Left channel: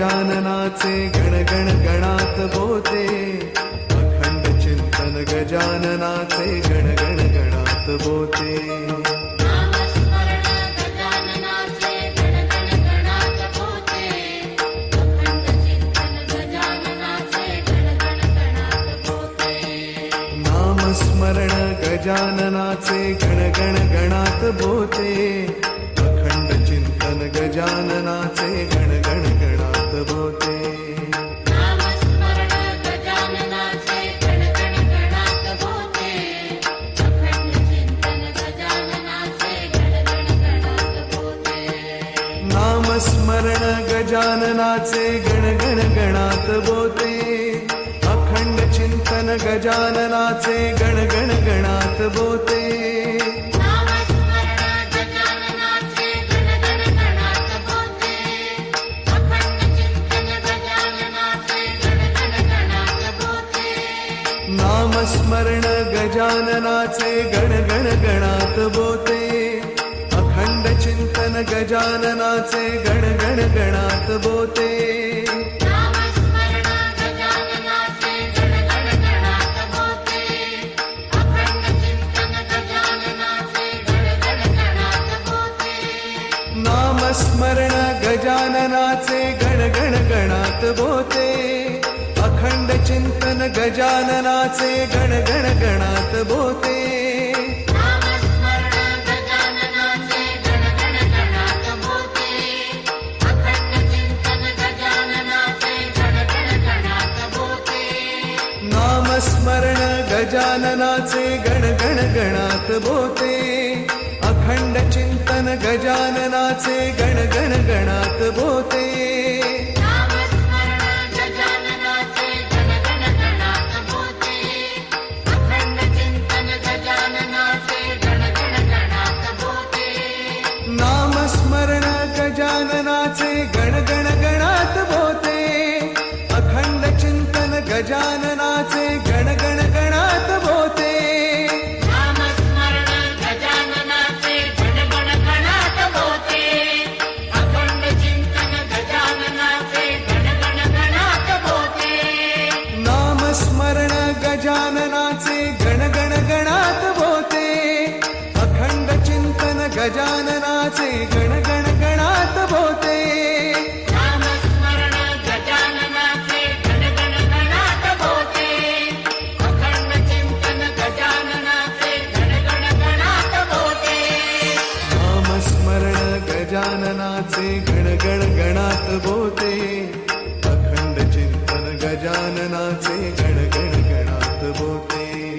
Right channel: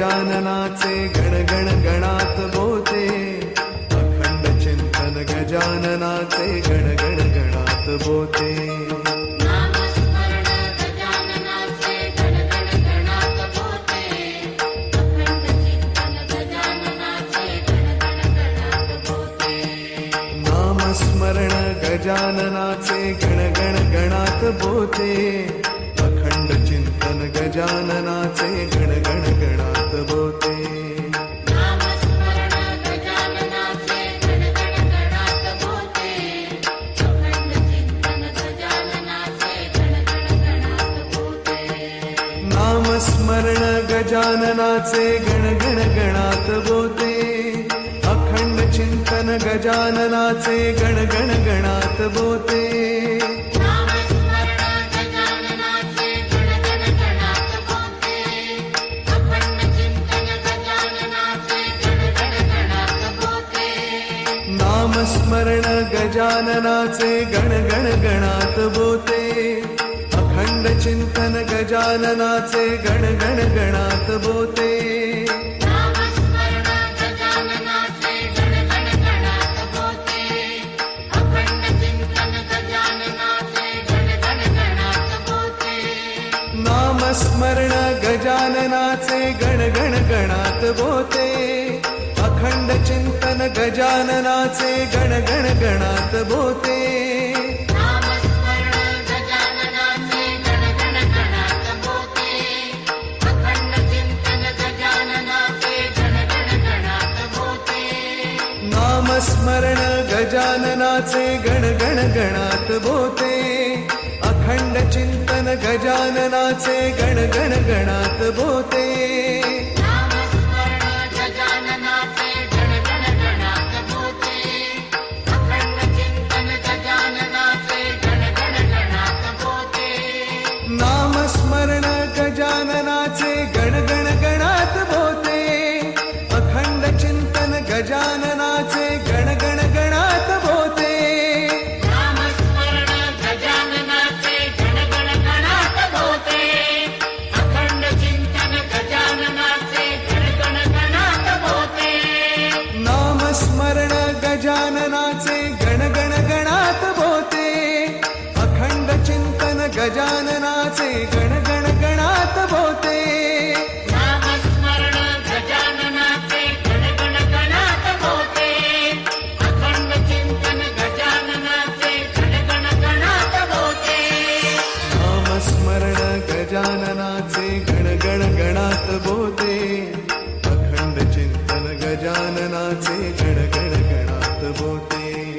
गजाननाचे गण गण गणात बोते अखंड चिंतन गजाननाचे गण गण गणात बोते नामस्मरण गजाननाचे गण गण गणात बोते अखंड चिंतन गजाननाचे गण गण गणात बोते. नामस्मरण गजाननाचे गण गण गणात बोते. अखंड चिंतन गजाननाचे गण गण गणात बोते. नामस्मरण गजाननाचे गण गण गणात बोते. अखंड चिंतन गजाननाचे गण गण गणात बोते. नामस्मरण गजाननाचे गण गण गणात बोते. अखंड चिंतन गजाननाचे गण गण गणात बोते. नामस्मरण गजाननाचे गण गण गणात बोते. अखंड चिंतन गजाननाचे गण गण गणात बोते. नामस्मरण गजाननाचे गण गण गणात बोते. अखंड चिंतन गजाननाचे गण गण गणात बोते. नामस्मरण गजाननाचे गण गण गणात बोते. अखंड चिंतन गजाननाचे गण गण गणात भोते नामस्मरण गजाननाचे गण गण गणात बोते. अखंड चिंतन गजाननाचे गण गण गणात बोते.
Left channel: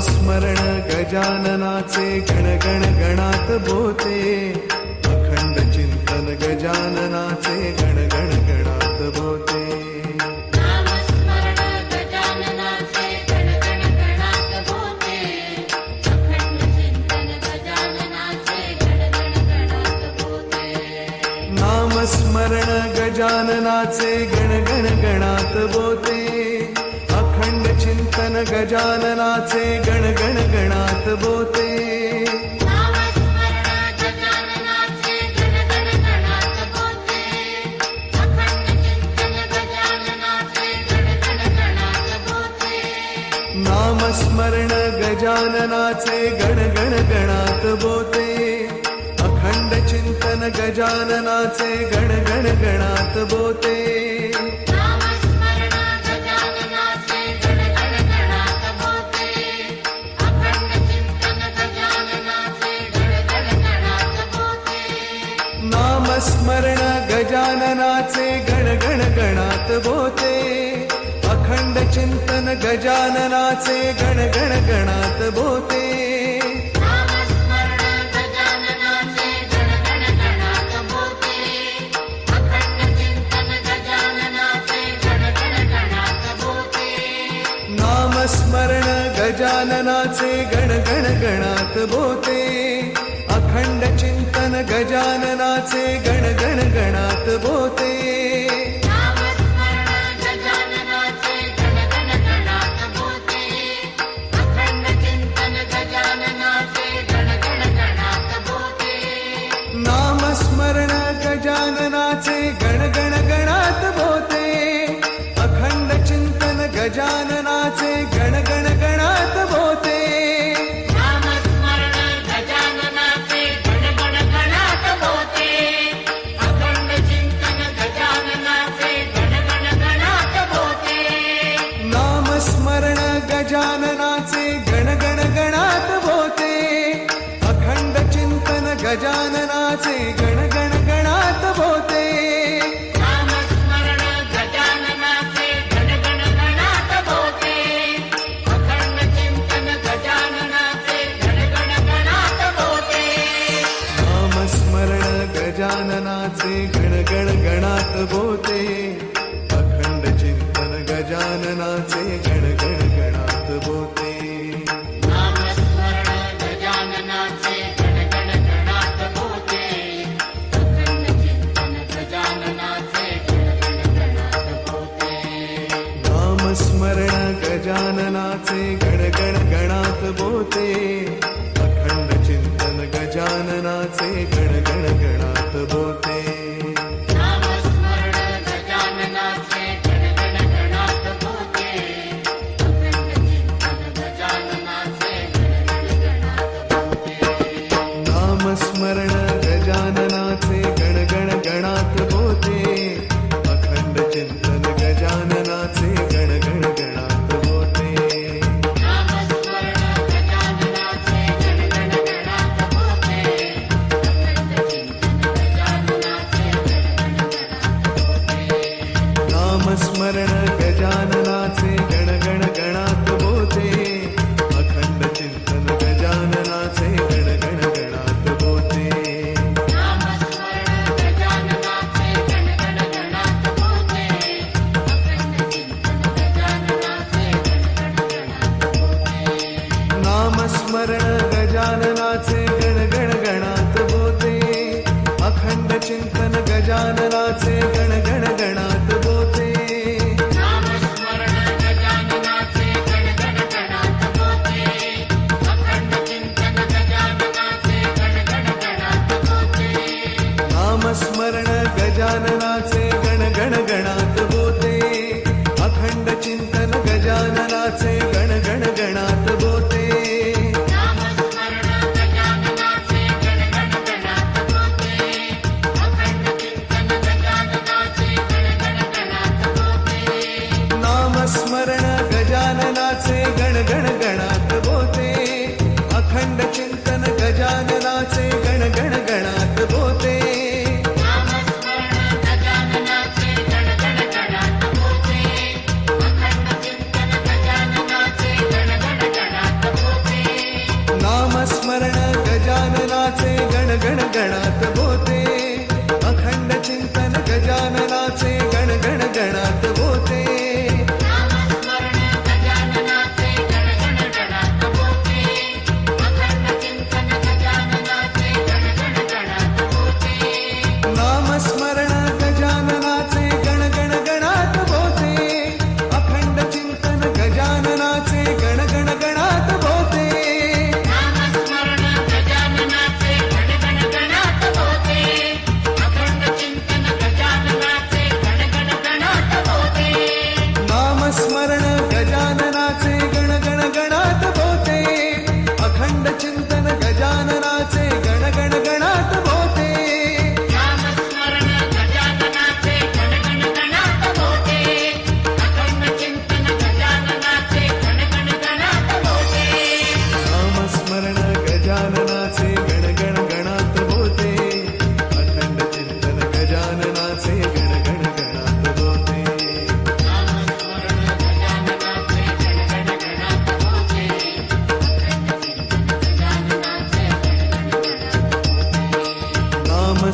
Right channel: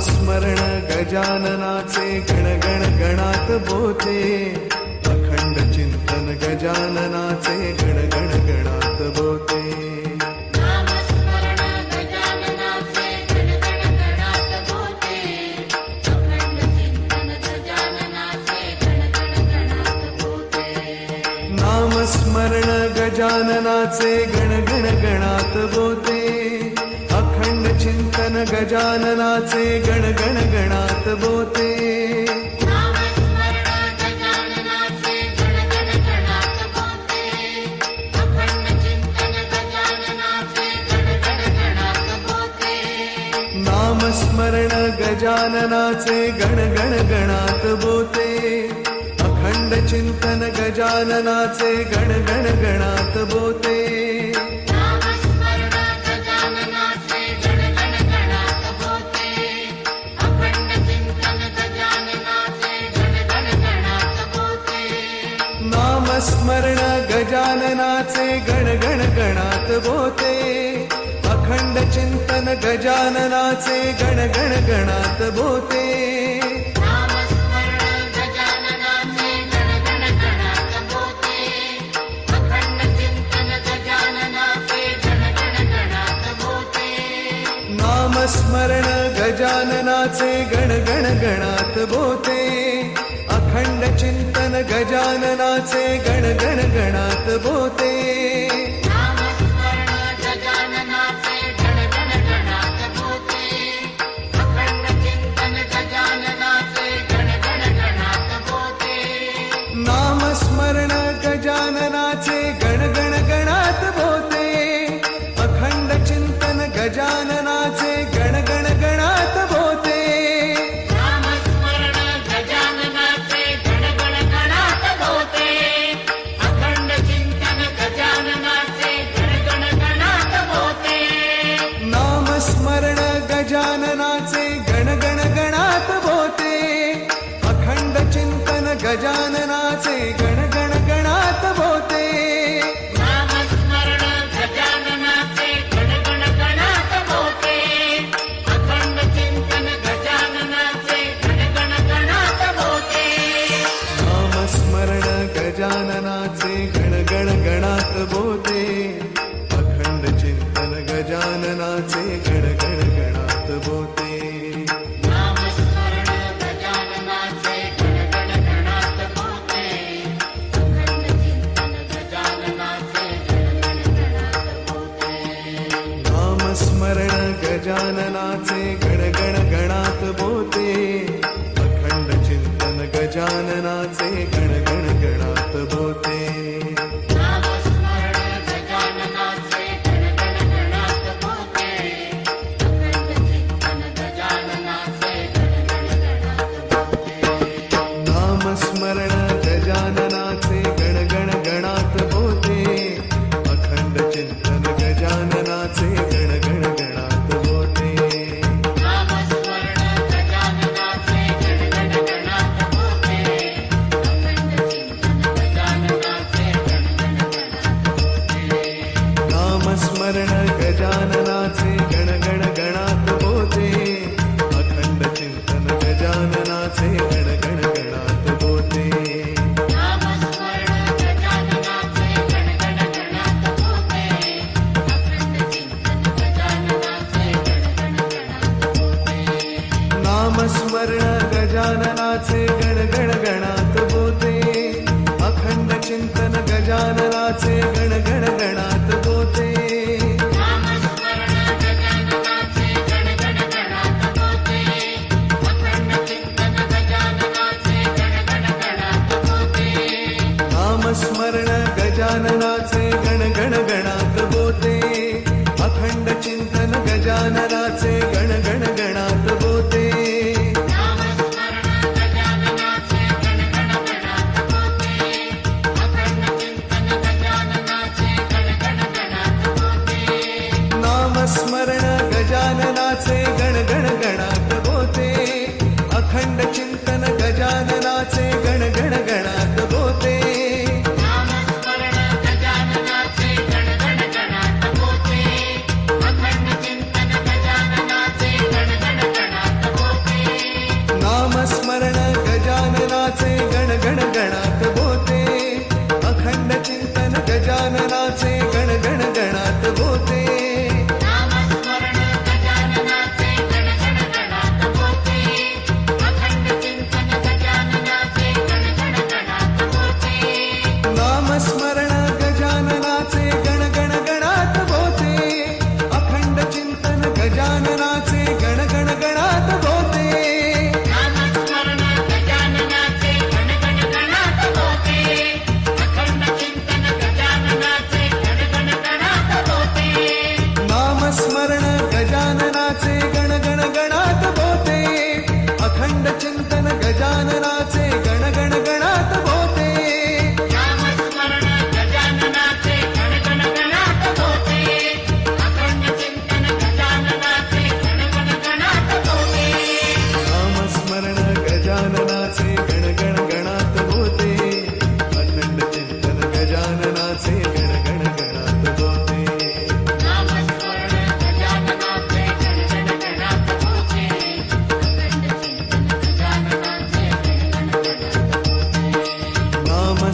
स्मरण गजाननाचे गण गण गणात बोते. अखंड चिंतन गजाननाचे गण गण गणात बोते. नामस्मरण गजाननाचे गण गण गणात बोते. अखंड चिंतन गजाननाचे गण गण गणात बोते. नामस्मरण गजाननाचे गण गण गणात बोते. अखंड चिंतन गजाननाचे गण गण गणात बोते. नामस्मरण गजाननाचे गण गण गणात बोते. अखंड चिंतन गजाननाचे गण गण गणात बोते. नामस्मरण गजाननाचे गण गण गणात बोते. अखंड चिंतन गजाननाचे गण गण गणात बोते. नामस्मरण गजाननाचे गण गण गणात बोते. अखंड चिंतन गजाननाचे गण गण गणात बोते. गजाननाचे गण गण गणात भोते अखंड चिंतन गजाननाचे गण गण गणात भोते नामस्मरण गजाननाचे गणगण गणात होते अखंड चिंतन गजाननाचे गजाननाचे गण गण गणात बोते. गजाननाचे गण गण गणात बोते अखंड चिंतन गजाननाचे नामस्मरण गजाननाचे गण गण गणात बोते. अखंड चिंतन गजाननाचे गण गण गणात बोते. नामस्मरण गजाननाचे गण गण गणात बोते अखंड चिंतन गजाननाचे गण गण गणात बोते नामस्मरण गजाननाचे गणगण गणात होते अखंड चिंतन गजाननाचे गणगण गणात होते नामस्मरण गजाननाचे गण गण गणात बोते अखंड चिंतन गजाननाचे गण गण गणात बोते नामस्मरण गजाननाचे होते. नामस्मरण गजाननाचे गण गण गणात बोते अखंड चिंतन गजाननाचे गण गण गणात बोते नामस्मरण गजाननाचे गण गण गणात बोते अखंड चिंतन गजाननाचे गण गण गणात बोते नामस्मरण गजाननाचे गणात अखंड चिंतन गजाननाचे गण गण गणात बोते अखंड चिंतन गजाननाचे गण गण गणात बोते नामस्मरण गजाननाचे गण गण गणात बोते. अखंड चिंतन गजाननाचे गण गण गणात बोते. नामस्मरण गजाननाचे गण गण गणात बोते. अखंड चिंतन गजाननाचे गण गण गणात बोते. गणात बोते. अखंड चिंतन गजाननाचे गण गण गणात बोते. नामस्मरण गजाननाचे गणगण गणात होते अखंड चिंतन गजाननाचे गणगण गण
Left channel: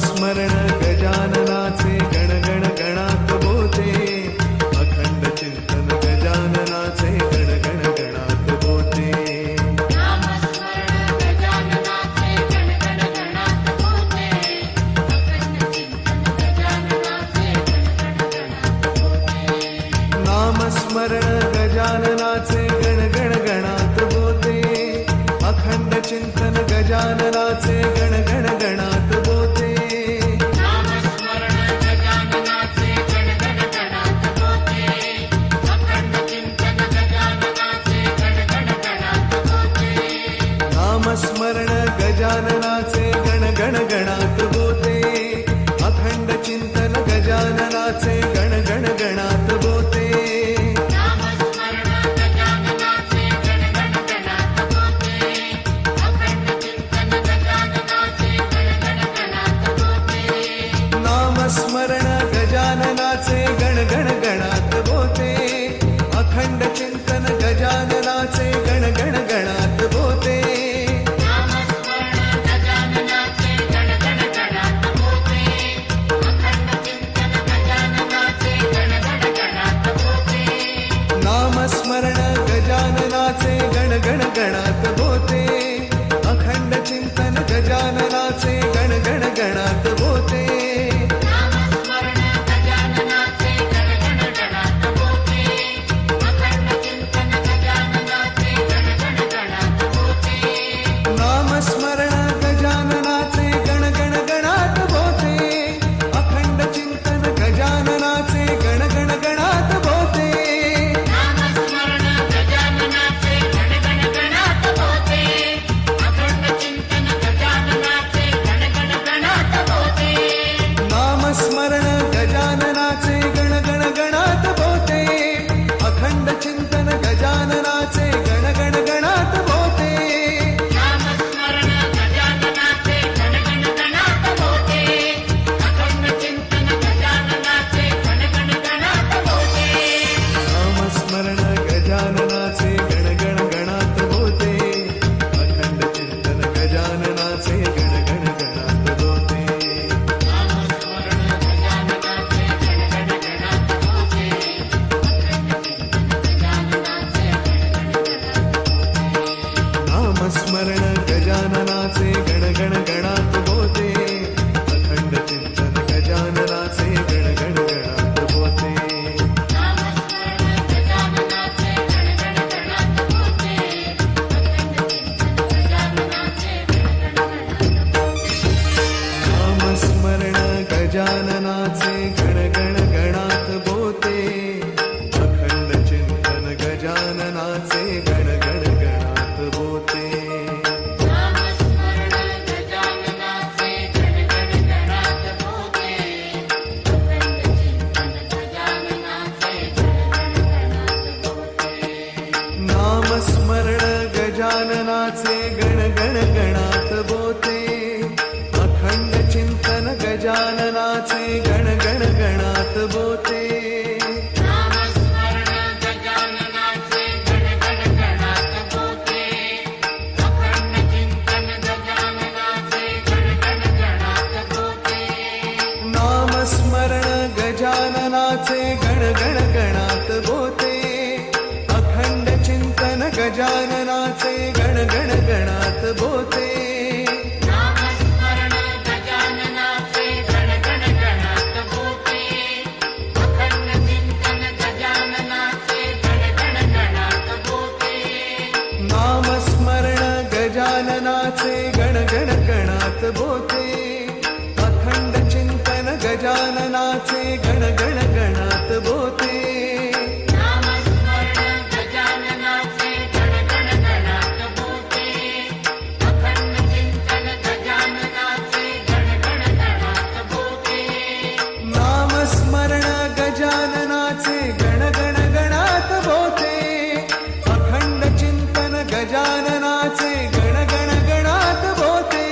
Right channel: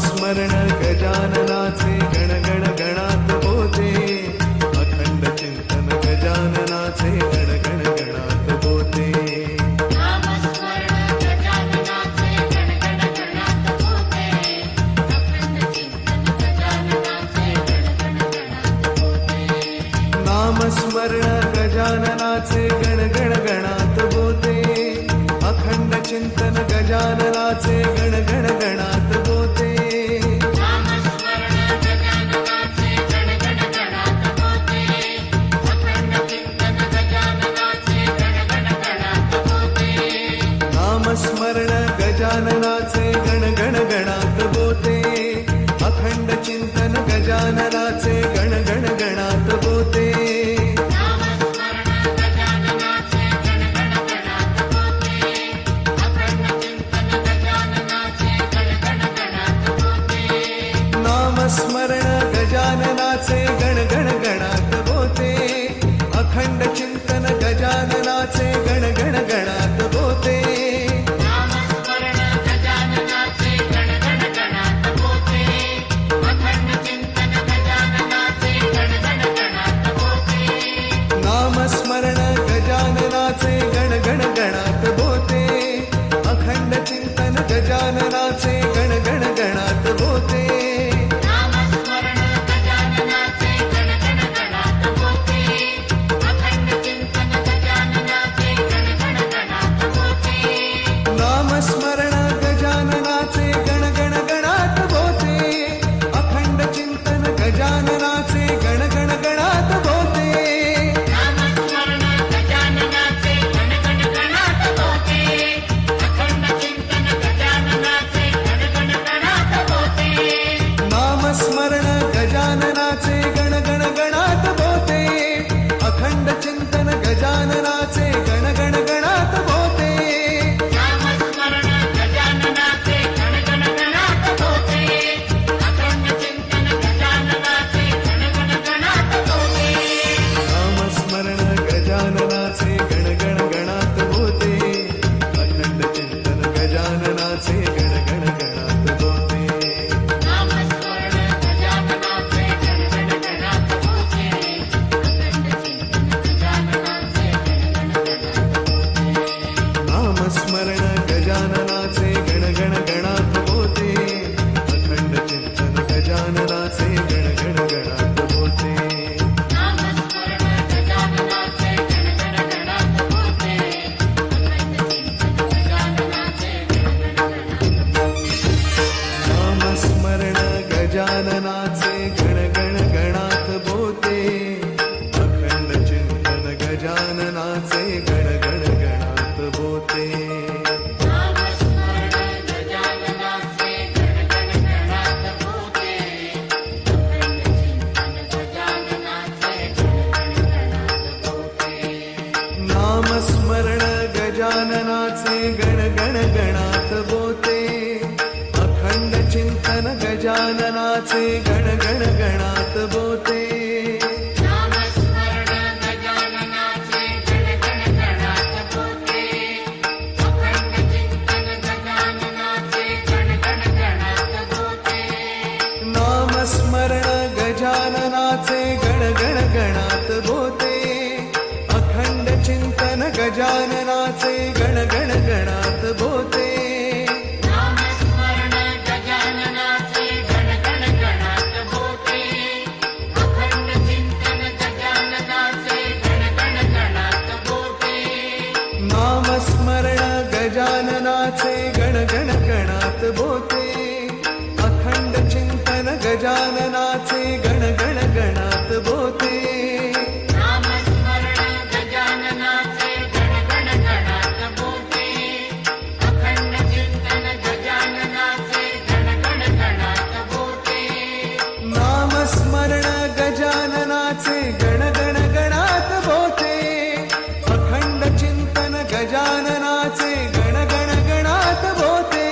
नामस्मरण गजाननाचे गण गण गणात बोते अखंड चिंतन गजाननाचे गण गण गणात बोते नामस्मरण गजाननाचे गणगण गणात होते अखंड चिंतन गजाननाचे गणगण गण गण गणात बोते नामस्मरण गजाननाचे गण गण गणात बोते अखंड चिंतन गजाननाचे गण गण गणात बोते नामस्मरण गजाननाचे गण गण गणात बोते अखंड चिंतन गजाननाचे गण गण गणात बोते नामस्मरण गजाननाचे गण गण गणात बोते अखंड चिंतन गजाननाचे गण गण गणात बोते गजाननाचे गण गण गणात बोते नामस्मरण गजाननाचे गण गण गणात बोते अखंड चिंतन गजाननाचे गण गण गणात बोते गजाननाचे गण गण गणात बोते नामस्मरण गजाननाचे गण गण गणात बोते नामस्मरण गजाननाचे गण गण गणात बोते अखंड चिंतन गजाननाचे गण गण गणात बोते गजाननाचे गण गण गणात बोते. अखंड चिंतन गजाननाचे गण गण गणात बोते. नामस्मरण गजाननाचे गण गण गणात बोते. अखंड चिंतन गजाननाचे गण गण गणात बोते. नामस्मरण गजाननाचे गण गण गणात बोते. अखंड चिंतन गजाननाचे गण गण गणात बोते. स्मरण गजाननाचे गण गण गणात बोते. अखंड चिंतन गजाननाचे गण गण गणात बोते. गजाननाचे गण गण गणात भोते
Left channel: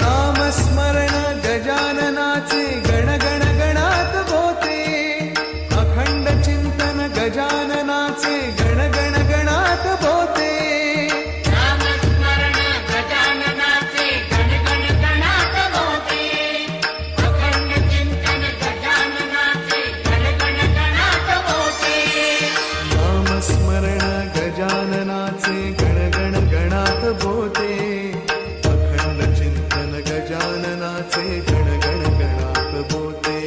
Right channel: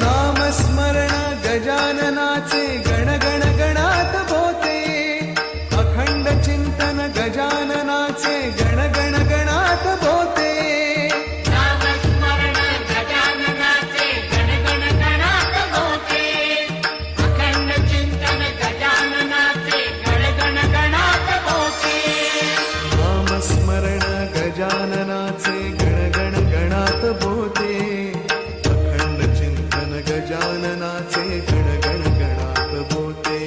नामस्मरण गजाननाचे गण गण गणात भोते अखंड चिंतन गजाननाचे गण गण गणात बोते. गजाननाचे गण गण गणात बोते अखंड चिंतन गजाननाचे गण गण गणात बोते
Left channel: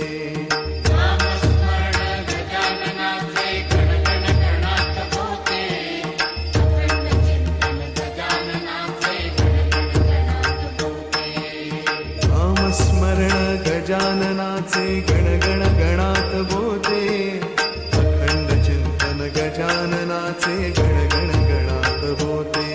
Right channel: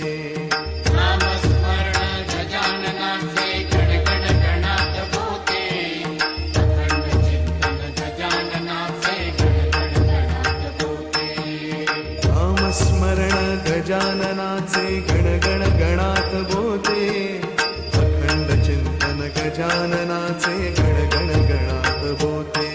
नामस्मरण गजाननाचे गण गण गणात बोते अखंड चिंतन गजाननाचे गण गण गणात बोते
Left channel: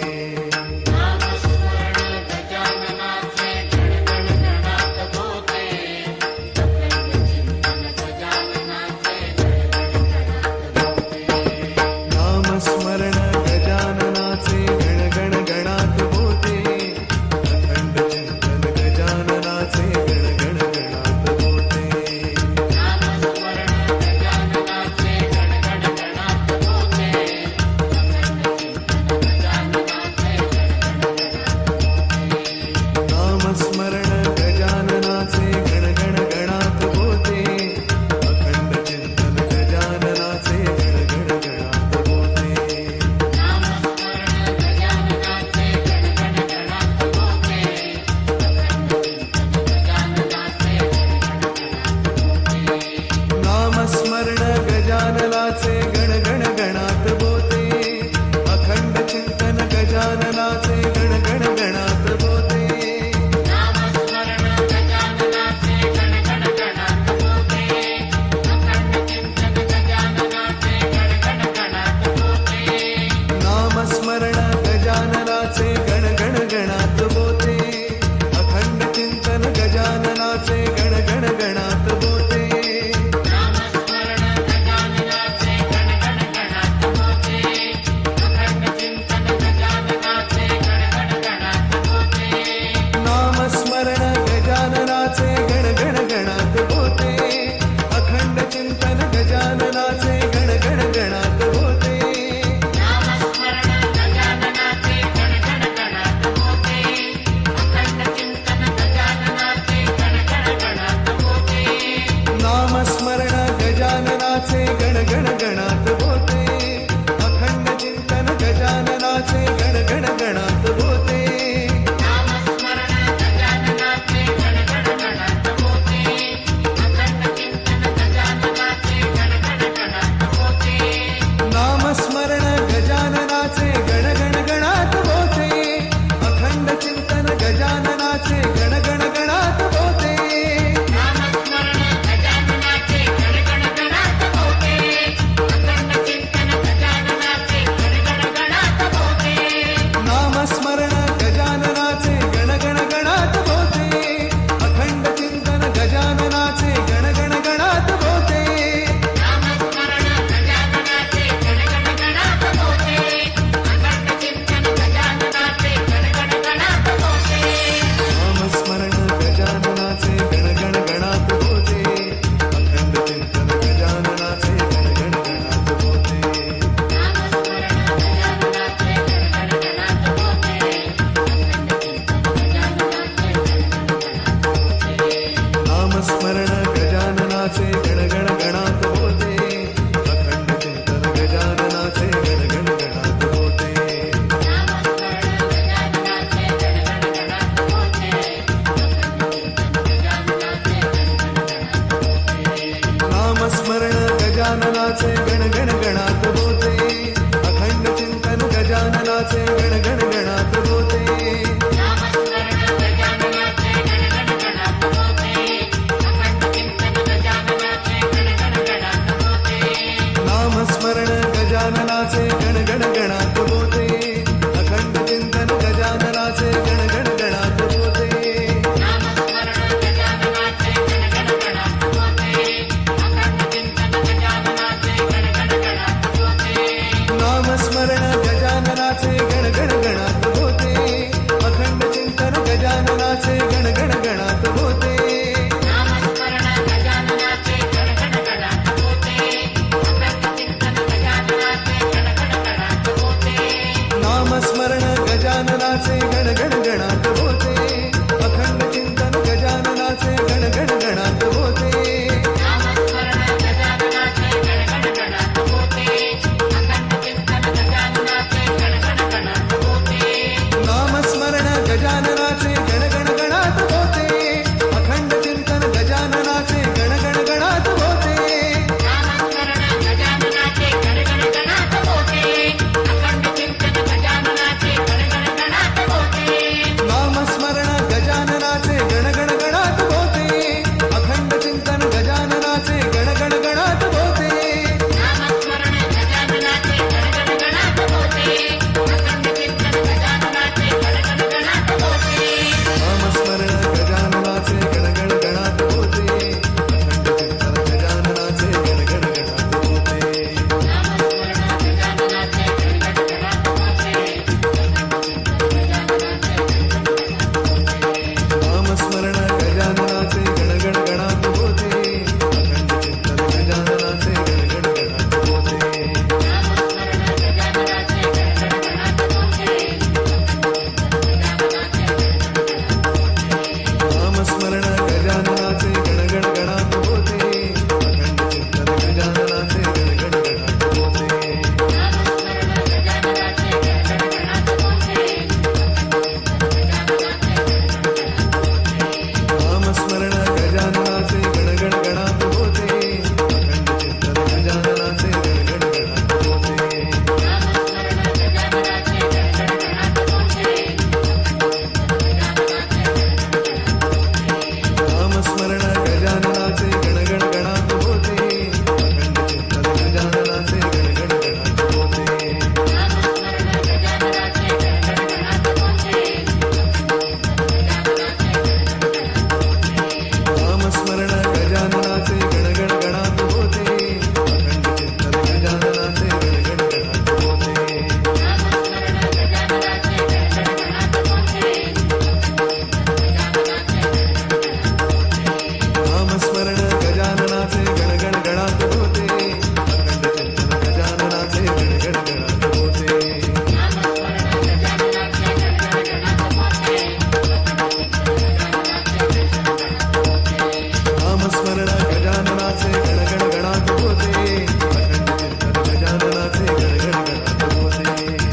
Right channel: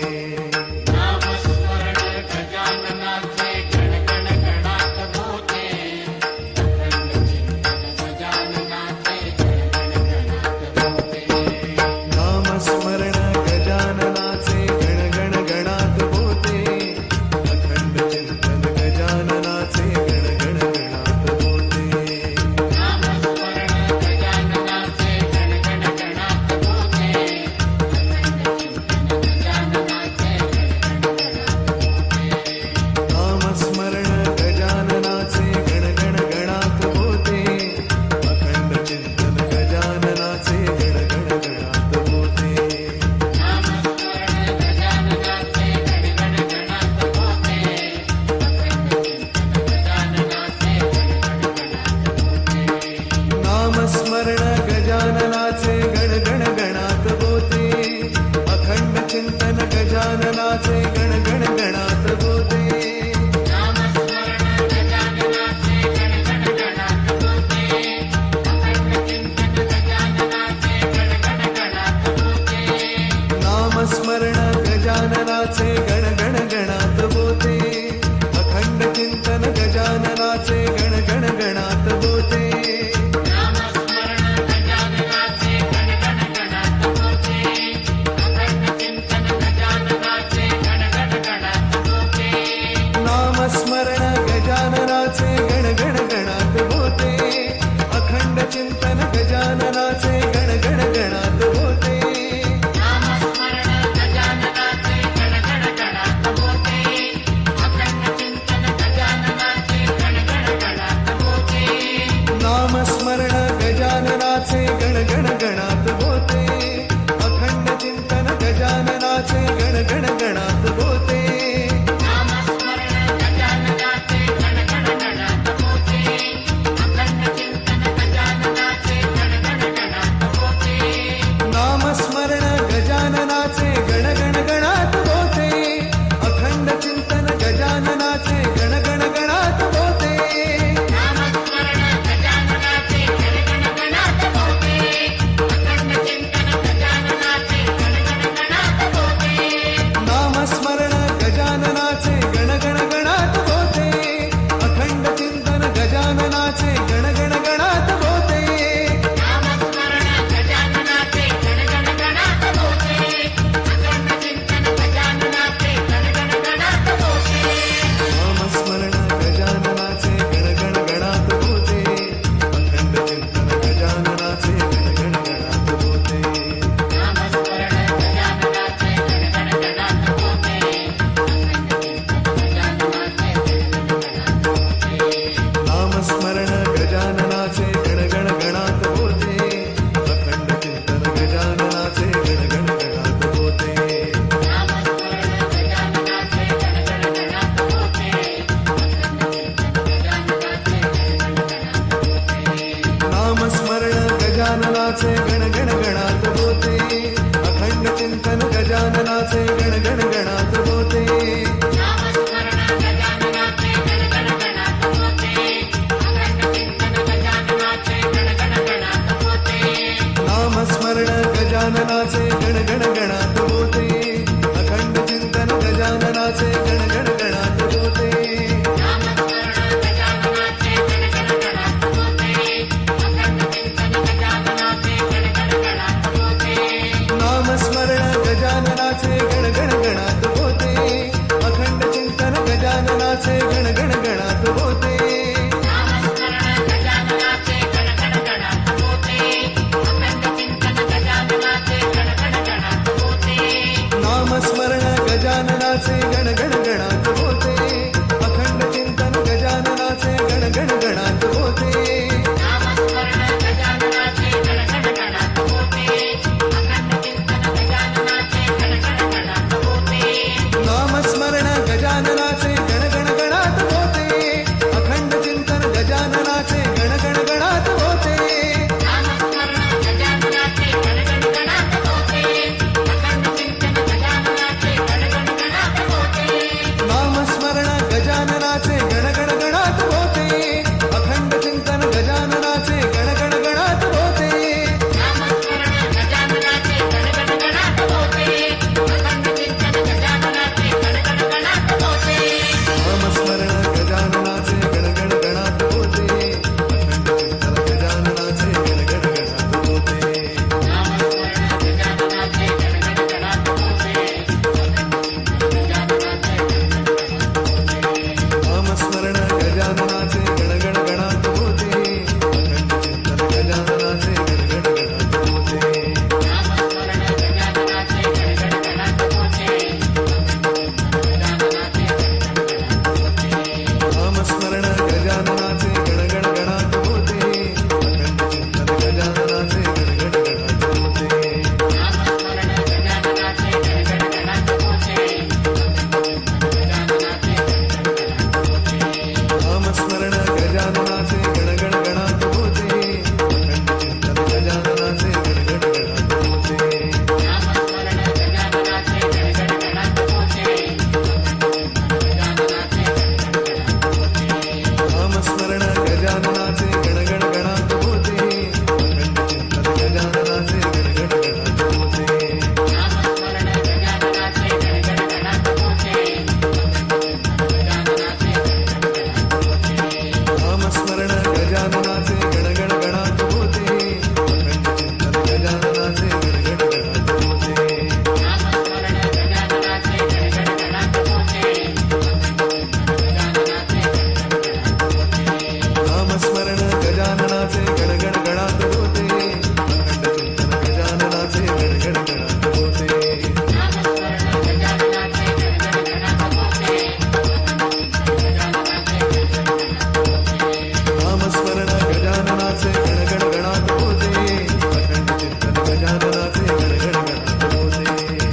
स्मरण गजाननाचे गण गणात बोते. अखंड चिंतन गजाननाचे गण गणात बोते. नामस्मरण गजाननाचे गण गणात अखंड चिंतन गजाननाचे गण गणात होते बोते. अखंड चिंतन गजाननाचे गण गणात बोते. नामस्मरण गजाननाचे गण गणात बोते अखंड चिंतन गजाननाचे गण गणात बोते नामस्मरण गजाननाचे गणात होते. अखंड चिंतन गजाननाचे गण गणात होते. नामस्मरण गजाननाचे गणात बोते अखंड चिंतन गजाननाचे गण गणात बोते नामस्मरण गजाननाचे गणगण गणात बोते अखंड चिंतन गजाननाचे गणगण गणात बोते गजाननाचे गणगण गणात होते. अखंड चिंतन गजाननाचे गणगण गणात होते. नामस्मरण गजाननाचे गणगण गणात होते. अखंड चिंतन गजाननाचे गणगण गणात होते. नामस्मरण गजाननाचे गणगण गणात बोते। अखंड चिंतन गजाननाचे गणगण गणात बोते। नामस्मरण गजाननाचे गणगण गणात होते अखंड चिंतन गजाननाचे गणगण गणात होते नामस्मरण गजाननाचे गणगण गणात बोते। अखंड चिंतन गजाननाचे गणगण गणात बोते। नामस्मरण गजाननाचे गण गणात बोते अखंड चिंतन गजाननाचे गणगण गणात बोते नामस्मरण गजाननाचे गणगण गणात होते. अखंड चिंतन गजाननाचे गणगण गणात होते. नामस्मरण गजाननाचे गणात बोते अखंड चिंतन गजाननाचे गणगण गणात बोते गजाननाचे गणगण गणात भोवते अखंड चिंतन गजाननाचे गणगण गणात भोवते स्मरण गजाननाचे गजाननाचे गणगण गणात होते. अखंड चिंतन गजाननाचे गणगण गणात होते. नामस्मरण गण गणगण गणात होते. अखंड चिंतन गजाननाचे गणगण गणात होते.